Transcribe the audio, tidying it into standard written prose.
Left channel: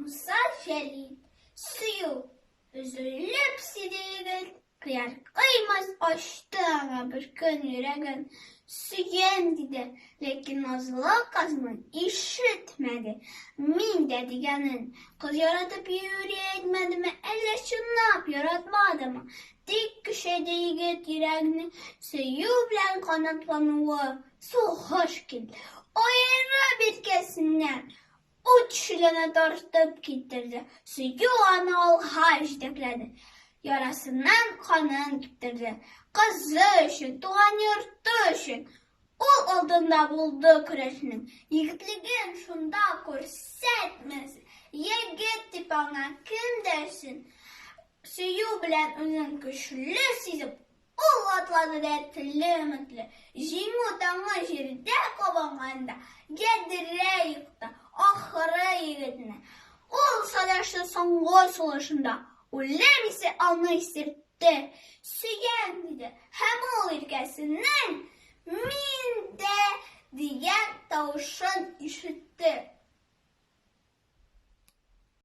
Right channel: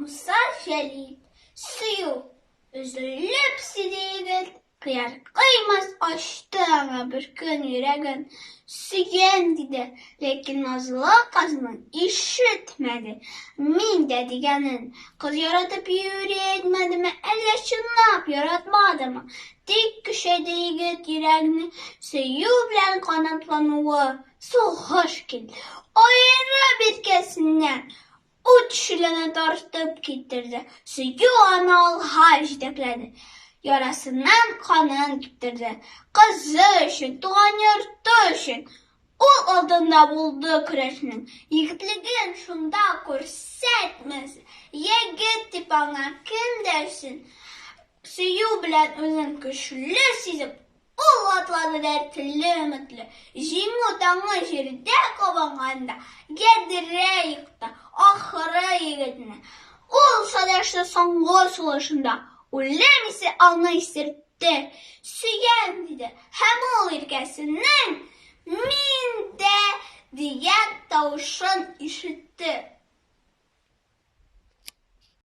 Musa Şelit suyu üzülüp sidiğin kıyar kıymaz açtı ama bir gün yüreğin süyen dedi. Lakin nazlı kızının işitmedi. Min dediğinin kız yaratıp yüreği etmedi mi? Elle şunlap yaratmadı mı? Dik küşedi yigit yüreğini suyu bilen kanatlanığı su hoş geldi. O yere bitkisinden uçlarına tartıp getirdi. Suyu anal harç dekledi. Yarasından kanın getirdi. Kızı için, doğan yurtu için. O aldığında buldu kreşinin. Yigitliğin şunda көрсетmesi. Yigit bana kim dersin? Suyu bilen özün güçlü sizip. O atladı dertli ümitli. Jimu tanga jirde kovanğanda. Gedire yıktı. Ahıra yigitini. O sadaşlı sonğu solaşında. Ulemisi alna istirtti. Süyen dedi. Hem o irkesinden min de diyen tavşan işitti.